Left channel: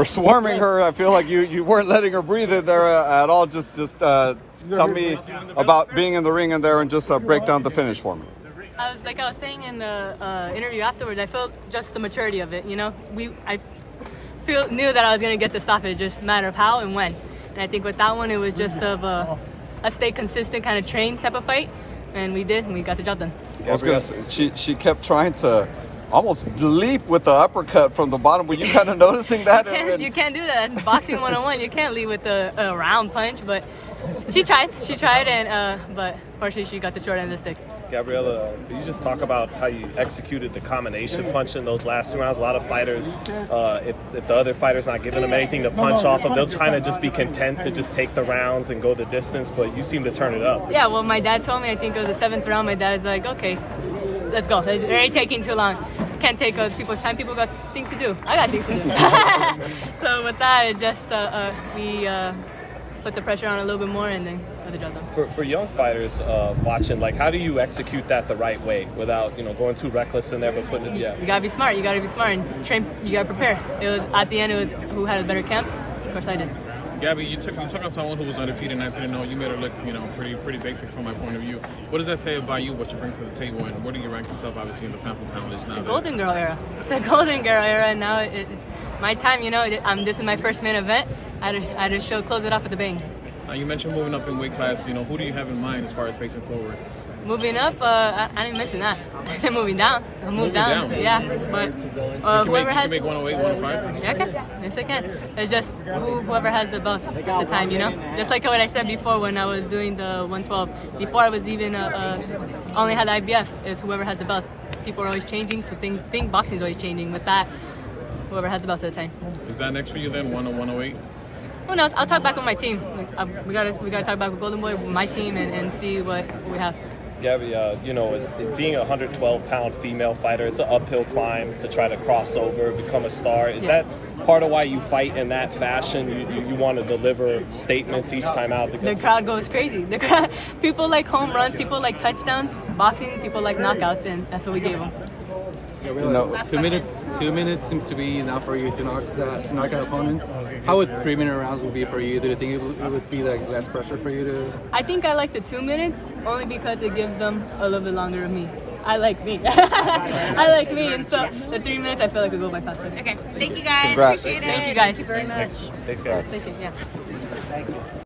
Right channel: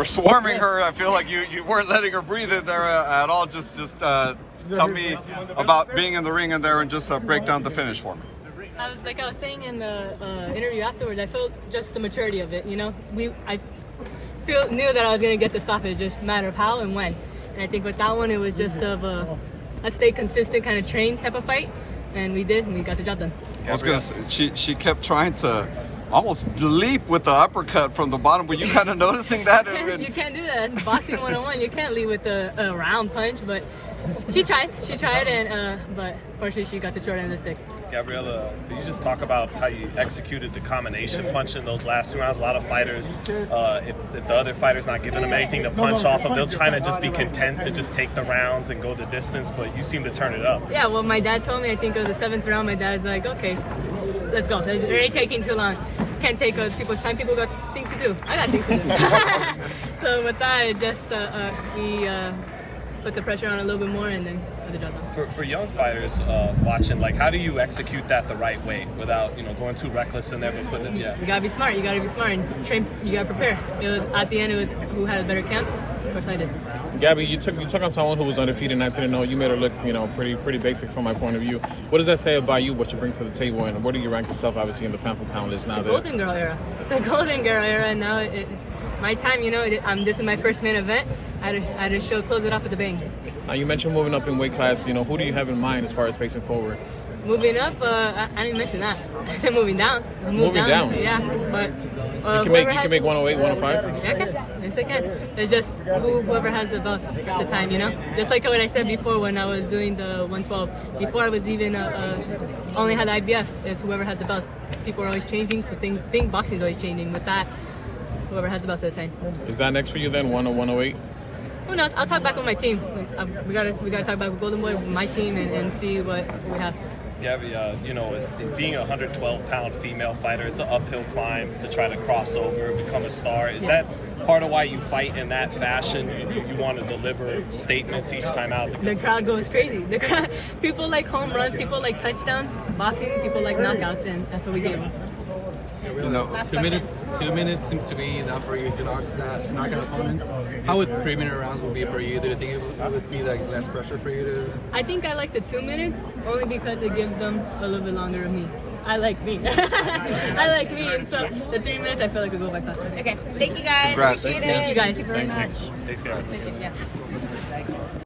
For swarming her, I feel like you weren't letting her breathe in there at all. Just tell me about being in the ring in there and just break down the finish for me. I was saying in the interview afterwards, I felt just the maturity of it. You know, I knew that I was going to get the stoppage, just a matter of how and when. And I think with that one, it was just of a stay consistent kind of train type of fight, and we did, and we got the job done. I was gonna say, she kept trying to almost leap with the uppercut from the bottom. Were you kind of noticing that? You can't do that. Boxing 101, you can't lead with a round punch, but she tried, and but unfortunately she got the short end of the stick. Gabriela, can you just talk about how you executed the combination punch in those last 2 rounds? A lot of fighters, if the other fighter's not giving them anything to punch off of, they'll try to just be content to just take the rounds and go the distance, but you seem to turn it up. Yeah, well, my dad told me, I think it was the 7th round, my dad's like, okay, let's go. It's already taking too long. Can't take people's time. People got things to do. I got things to do. So with that, it just we put the pressure on a little bit more and then got the job done. For young fighters watching, like, how do you execute that the right way without going too reckless in there? But putting You gotta be smart. You gotta be smart and train. You gotta prepare. It was at the end. It was who had a better camp. Of course, I did. Gabby, you took on someone who was undefeated, 19-0. You made her look, pretty basic from my point of view. What does that say about you? What you bring to the table, and where do you rank yourself, obviously, in the pound-for-pound list now? It's the golden girl era. It's the golden girl era, and now it's my time. This is my first main event. I had to close it off with a bang. You mentioned moving up in weight class. Who do you have in mind as far as facing forward? Moving up, I didn't mention that. I said moving down. Moving down? Yeah, but you can make 108, 105? Yeah, I can. Yes, I can. It's just whoever has the best at the time, Just like what I said before when I was doing the 112. Before I was even only had IBF. It's whoever has the best. People are always changing, so boxing is always changing. With that, whoever has the best at the time. Is that next for you then, 108? Who knows? I'll talk back with my team. We gotta talk back with Golden Boy, with my team, and see what we have. Gabby, being a 112-pound female fighter, it's an uphill climb to try to cross over, become a star. Is that part of why you fight in that fashion? You want to deliver statements each time out? The crowd goes crazy. People like home runs, people like touchdowns. Boxing, people like knockouts, and that's what we gave them. 2 minutes seems to be enough for you to knock out opponents. How would 3-minute rounds would be for you? Do you think it would be like less pressure for you to? I think I like the 2 minutes only because it gives them a little bit longer of me. I like me. I like me, and so the 3 minutes I feel like it will go by faster. Okay, thank you guys. Congrats. Appreciate it. Thank you guys. Thank you very much. Thanks, guys. Thank you. Yeah.